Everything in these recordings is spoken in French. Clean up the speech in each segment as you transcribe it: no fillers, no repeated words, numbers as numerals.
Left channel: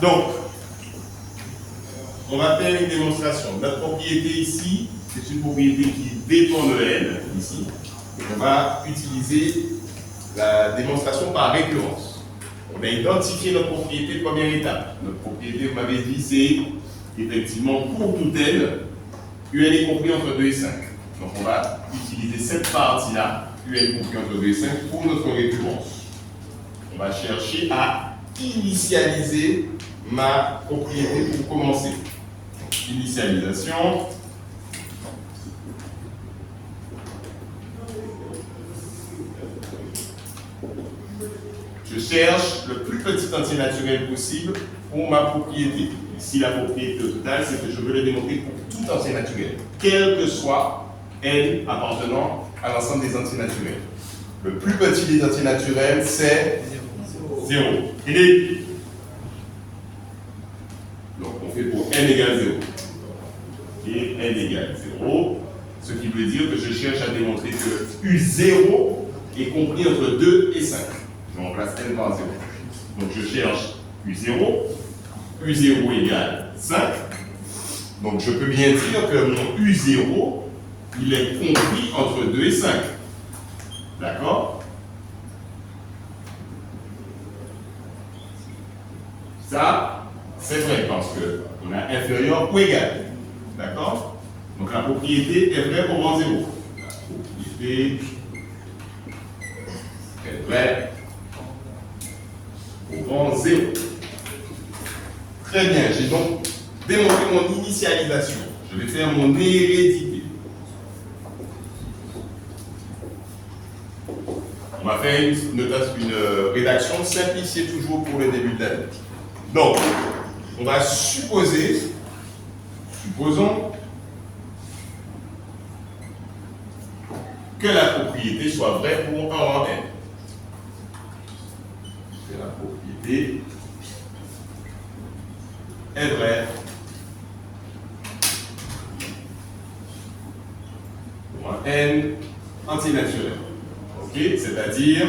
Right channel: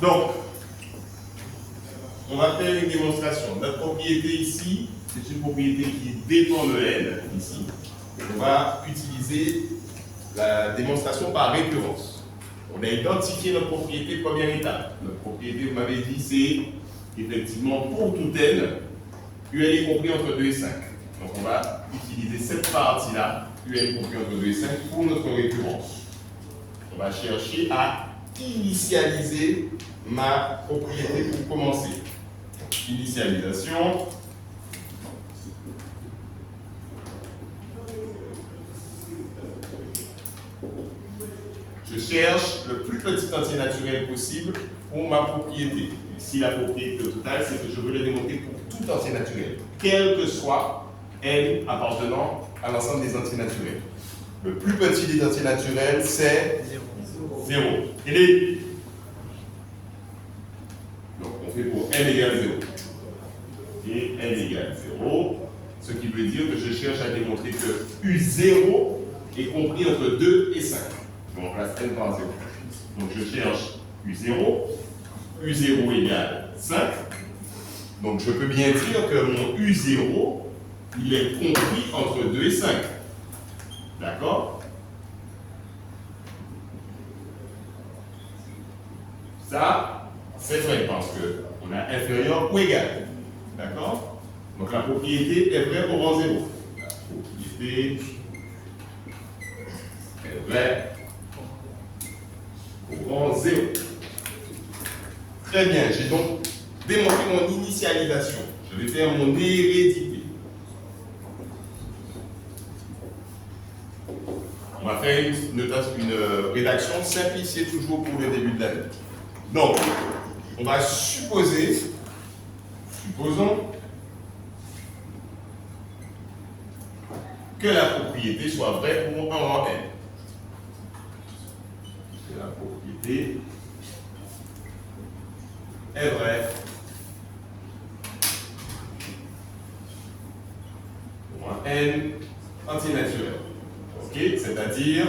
Donc, on va faire une démonstration. Notre propriété ici, c'est une propriété qui dépend de N, ici. On va utiliser la démonstration par récurrence. On a identifié notre propriété, première étape. Notre propriété, vous m'avez dit, c'est effectivement pour tout N, UN est compris entre 2 et 5. Donc on va utiliser cette partie-là, UN compris entre 2 et 5, pour notre récurrence. On va chercher à initialiser ma propriété pour commencer. Donc, initialisation. Je cherche le plus petit entier naturel possible pour ma propriété. Ici, la propriété totale, c'est que je veux le démontrer pour tout entier naturel, quel que soit N appartenant à l'ensemble des entiers naturels. Le plus petit des entiers naturels, c'est 0. Donc, on fait pour N égale 0. Et N égale 0, ce qui veut dire que je cherche à démontrer que U0 est compris entre 2 et 5. Je remplace N par 0. Donc, je cherche U0. U0 égale 5. Donc, je peux bien dire que mon U0, il est compris entre 2 et 5. D'accord? Ça, c'est vrai parce qu'on a inférieur ou égal. D'accord? Donc, la propriété est vraie au rang 0. La propriété est vraie au rang 0. Très bien, j'ai donc démontré mon initialisation. Je vais faire mon hérédité. On va faire une rédaction simplifiée toujours pour le début de l'année. Donc, on va supposons que la propriété soit vraie pour un rang n. Que la propriété est vrai pour un n entier naturel. Ok, c'est-à-dire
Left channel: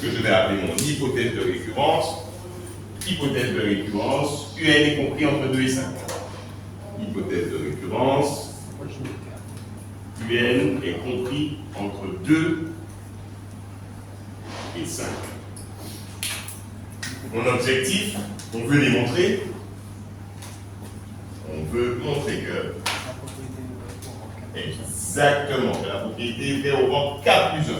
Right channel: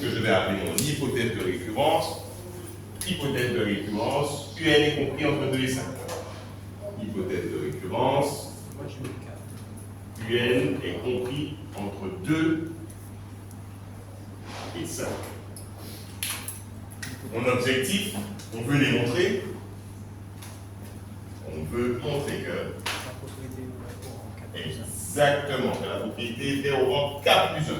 que je vais appeler mon hypothèse de récurrence. Hypothèse de récurrence, UN est compris entre 2 et 5. Hypothèse de récurrence, UN est compris entre 2 et 5. Mon objectif, on veut les montrer. On veut montrer que exactement que la propriété est au rang K plus 1.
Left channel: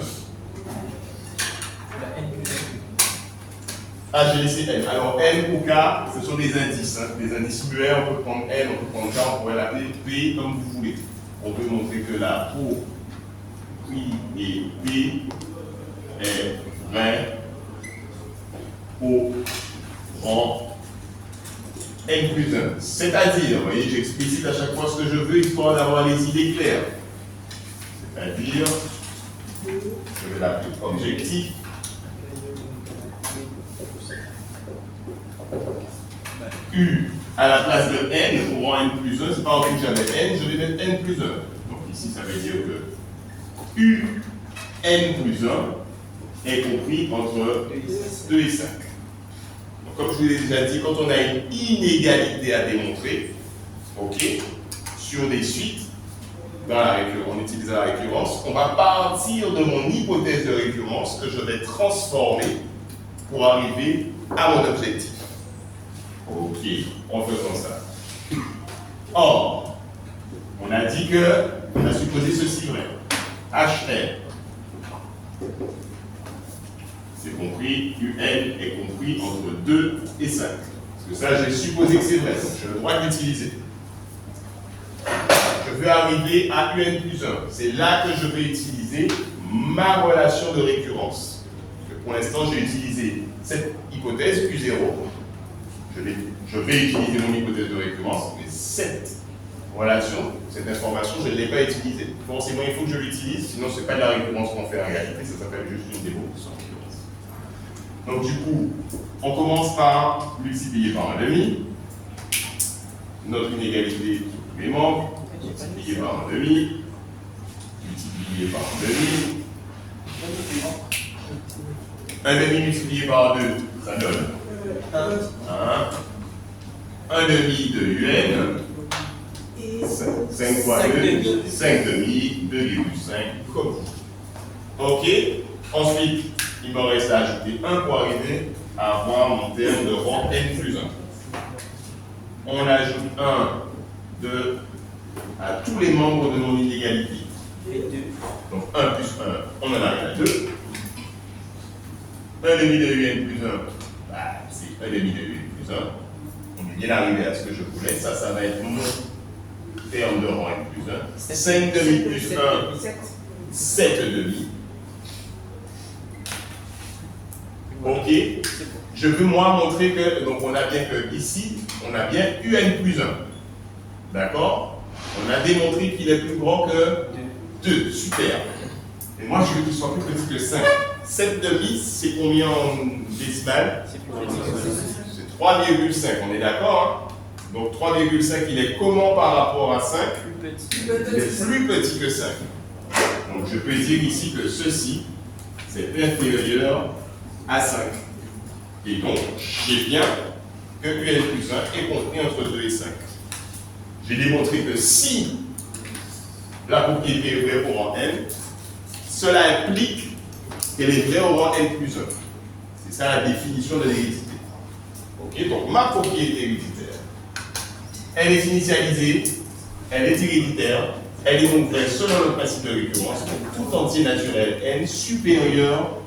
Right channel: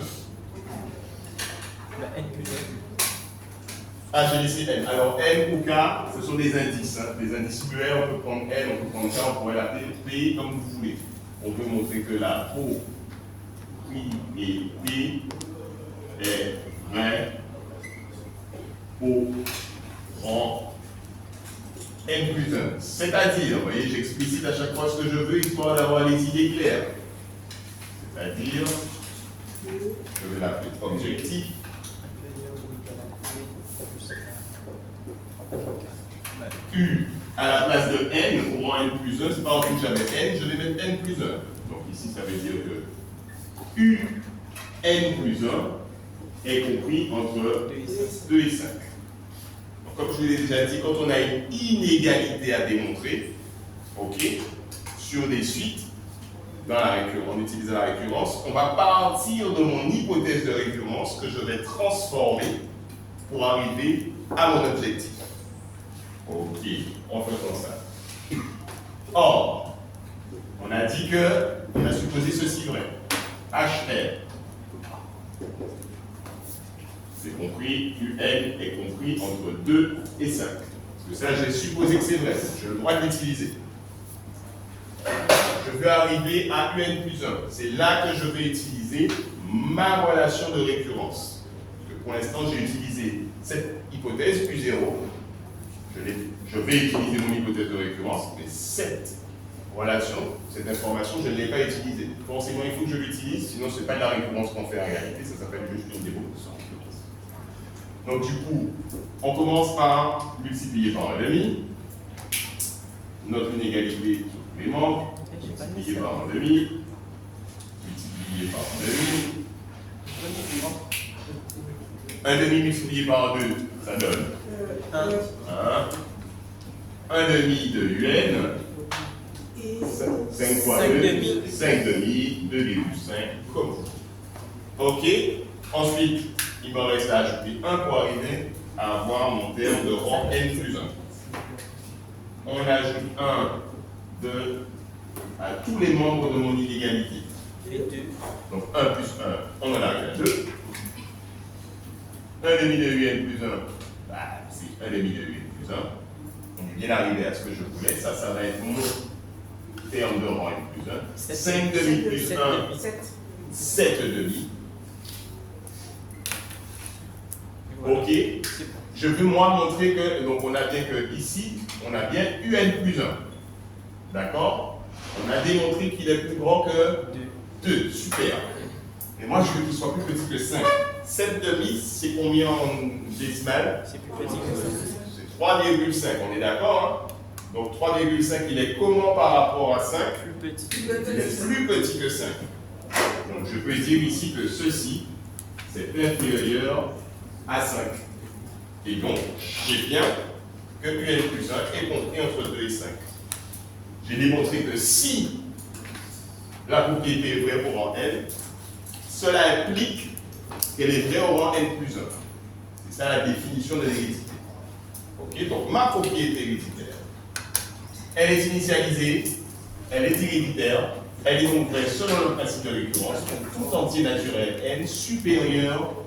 Ah, j'ai laissé N. Alors N ou K, ce sont des indices. Hein. Des indices muets, on peut prendre N, on peut prendre K, on pourrait l'appeler P comme vous voulez. On veut montrer que la propriété est vraie au rang N plus 1. C'est-à-dire, vous voyez, j'explicite à chaque fois ce que je veux, histoire d'avoir les idées claires. C'est-à-dire, je vais l'appeler objectif. U à la place de N au rang N plus 1, c'est pas en plus j'avais N, je vais mettre N plus 1. Donc ici, ça veut dire que U N plus 1 est compris entre 2 et 5. Donc, comme je vous l'ai déjà dit, quand on a une inégalité à démontrer, ok, sur des suites, en utilisant la récurrence, on va partir de mon hypothèse de récurrence que je vais transformer pour arriver à mon objectif. Ok, on fait comme ça. Or, on a dit que, on a supposé ceci vrai. HR, c'est compris, UN est compris entre 2 et 5. Parce que ça, j'ai supposé que c'est vrai, donc j'ai le droit de l'utiliser. Je veux arriver à UN plus 1. C'est là que je vais utiliser ma relation de récurrence. Parce que pour l'instant, j'ai utilisé cette hypothèse U0. Je vais utiliser mon hypothèse de récurrence, mais cette relation, cette information, je ne l'ai pas utilisée. Forcément, il faut que je l'utilise, sinon ce n'est pas de la récurrence qu'on fait en réalité, ça s'appelle juste une démonstration. Donc du coup, on commence par multiplier par 1,5. Notre inégalité sur les membres, multiplier par 1,5, multiplier par 1,5. 1 demi multiplié par 2, ça donne 1. 1 demi de UN. 5 fois 2, 5 demi, 2,5 comme. Ok. Ensuite, il me reste à ajouter 1 pour arriver à avoir mon terme de rang n plus 1. On ajoute 1, 2 à tous les membres de mon inégalité. Donc 1 plus 1, on en arrive à 2. 1 demi de UN plus 1, c'est 1 demi de UN plus 1. On est bien arrivé à ce que je voulais. Ça va être mon terme de rang n plus 1. 5 demi plus 1, 7 demi. Ok. Je veux moi montrer que, donc on a bien que ici, on a bien UN plus 1. D'accord? On a démontré qu'il est plus grand que 2. Super. Et moi, je veux qu'il soit plus petit que 5. 7 demi, c'est combien en décimales? C'est 3,5. On est d'accord, hein? Donc 3,5, il est comment par rapport à 5? Il est plus petit que 5. Donc je peux dire ici que ceci, c'est inférieur à 5. Et donc, j'ai bien que UN plus 1 est compris entre 2 et 5. J'ai démontré que si la propriété est vraie au rang n, cela implique qu'elle est vraie au rang n plus 1. C'est ça la définition de l'hérédité. Ok, donc ma propriété héréditaire, elle est initialisée, elle est héréditaire, elle est donc vraie selon le principe de récurrence pour tout entier naturel n supérieur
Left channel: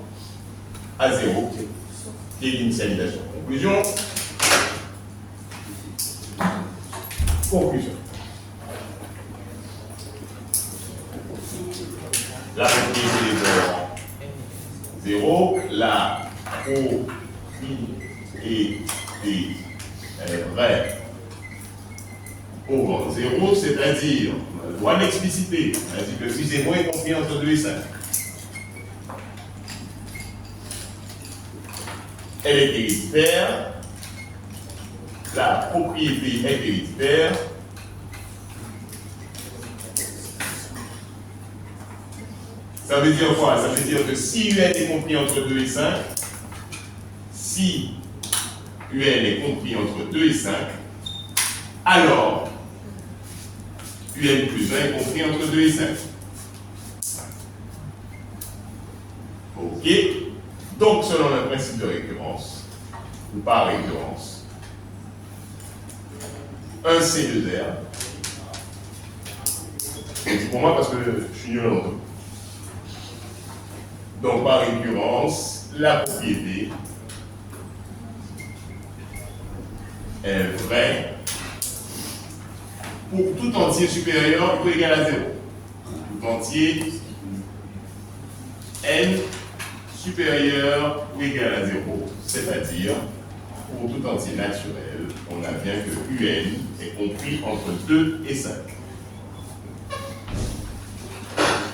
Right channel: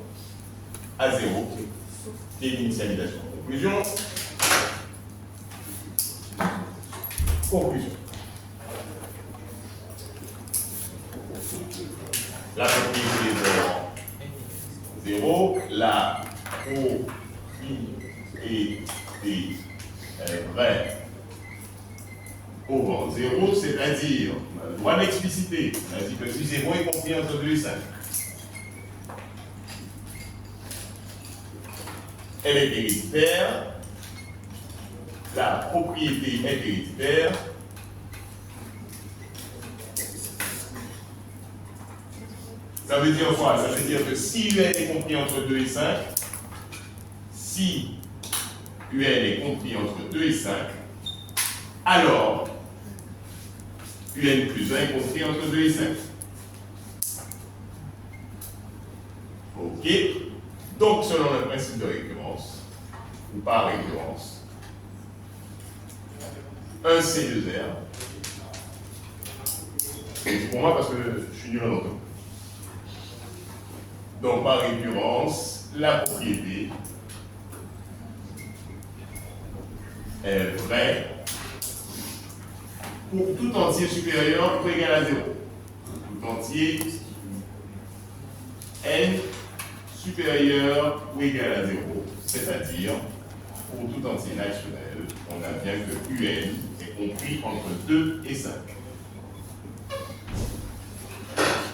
à 0 et l'initialisation. Conclusion. Conclusion. La propriété est de rang 0, la propriété est vraie au rang 0, c'est-à-dire, on doit l'expliciter, on a dit que si 0 est compris entre 2 et 5. Elle est héréditaire, la propriété est héréditaire, ça veut dire quoi? Ça veut dire que si UN est compris entre 2 et 5, si UN est compris entre 2 et 5, alors UN plus 1 est compris entre 2 et 5. Ok? Donc, selon le principe de récurrence, ou par récurrence, 1 C2R, c'est pour moi parce que je suis nul en tout. Donc, par récurrence, la propriété est vraie pour tout entier supérieur ou égal à 0. Tout entier n supérieur ou égal à 0, c'est-à-dire pour tout entier naturel, on a bien que UN est compris entre 2 et 5.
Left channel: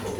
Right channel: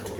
Ok?